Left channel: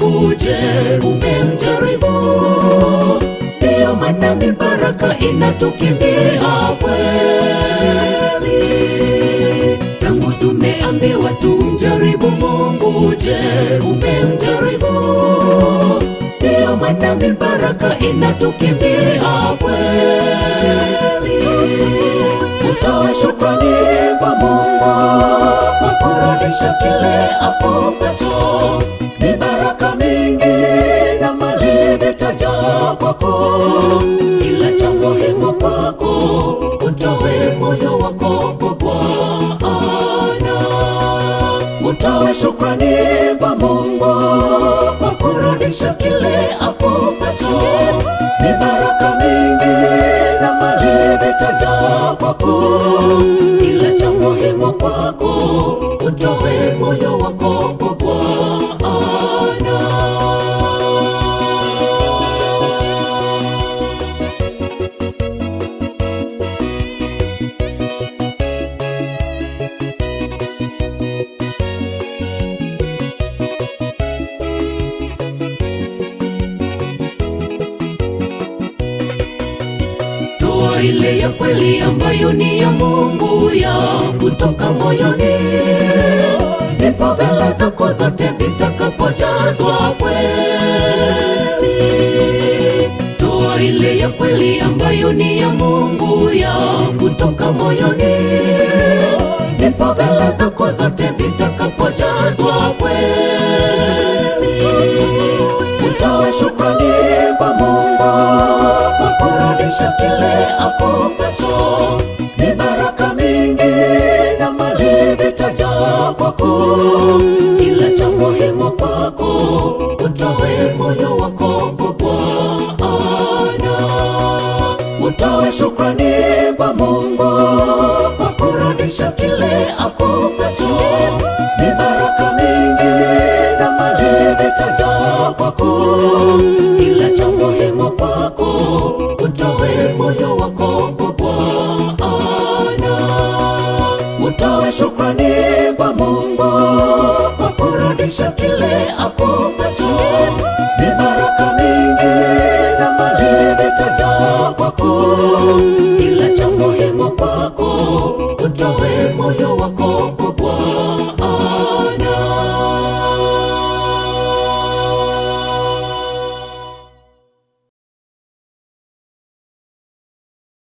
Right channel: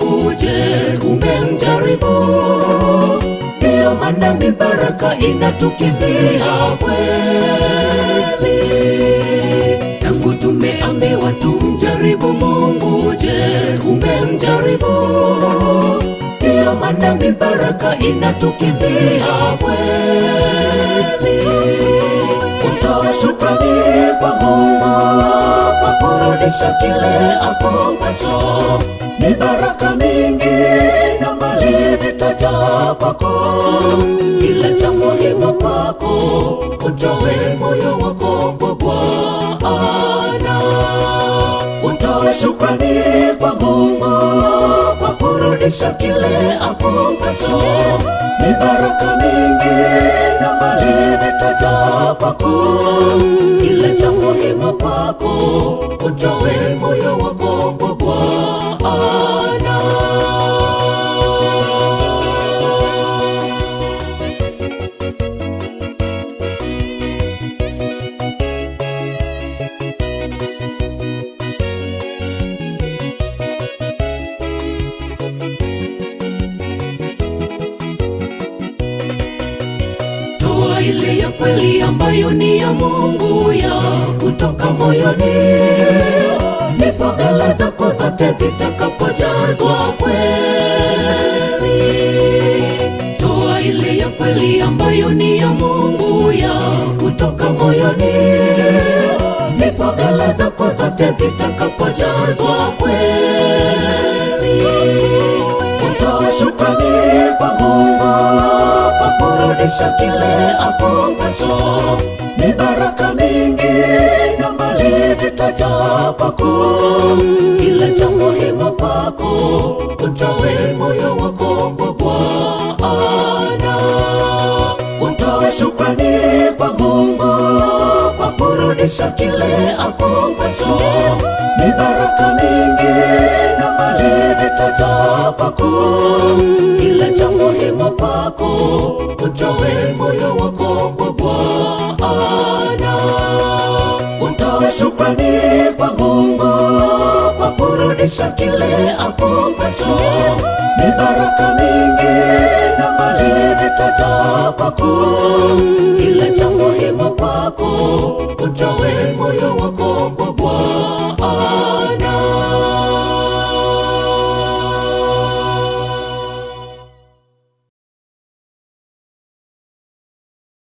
Mungu, je, umemjaribu? Ndiyo maana mibaraka inatukimbia kweli. Tangu tumeambiwa tumjaribu Mungu, je, umemjaribu? Ndiyo maana mibaraka inatukimbia kweli. Utoe shukrani kwa Mungu kwa kurudisha kile akupacho. Mibaraka mingi na mali vitajaa kwako, ila cha muhimu kwako utoe moyo wako kwa Bwana. Utoe shukrani kwa Mungu kwa kurudisha kile akupacho. Mibaraka mingi na mali vitajaa kwako, ila cha muhimu kwako utoe moyo wako kwa Bwana. Toa ile ya kweli ambayo ni ya Mungu, ya kutoka moyoni, ndipo ghala zako zote zitakapojazwa kweli. Toa ile ya kweli ambayo ni ya Mungu, ya kutoka moyoni, ndipo ghala zako zote zitakapojazwa kweli. Utoe shukrani kwa Mungu kwa kurudisha kile akupacho. Mibaraka mingi na mali vitajaa kwako, ila cha muhimu kwako utoe moyo wako kwa Bwana. Utoe shukrani kwa Mungu kwa kurudisha kile akupacho. Mibaraka mingi na mali vitajaa kwako, ila cha muhimu kwako utoe moyo wako kwa Bwana. Utoe shukrani kwa Mungu kwa kurudisha kile akupacho. Mibaraka mingi na mali vitajaa kwako, ila cha muhimu kwako utoe moyo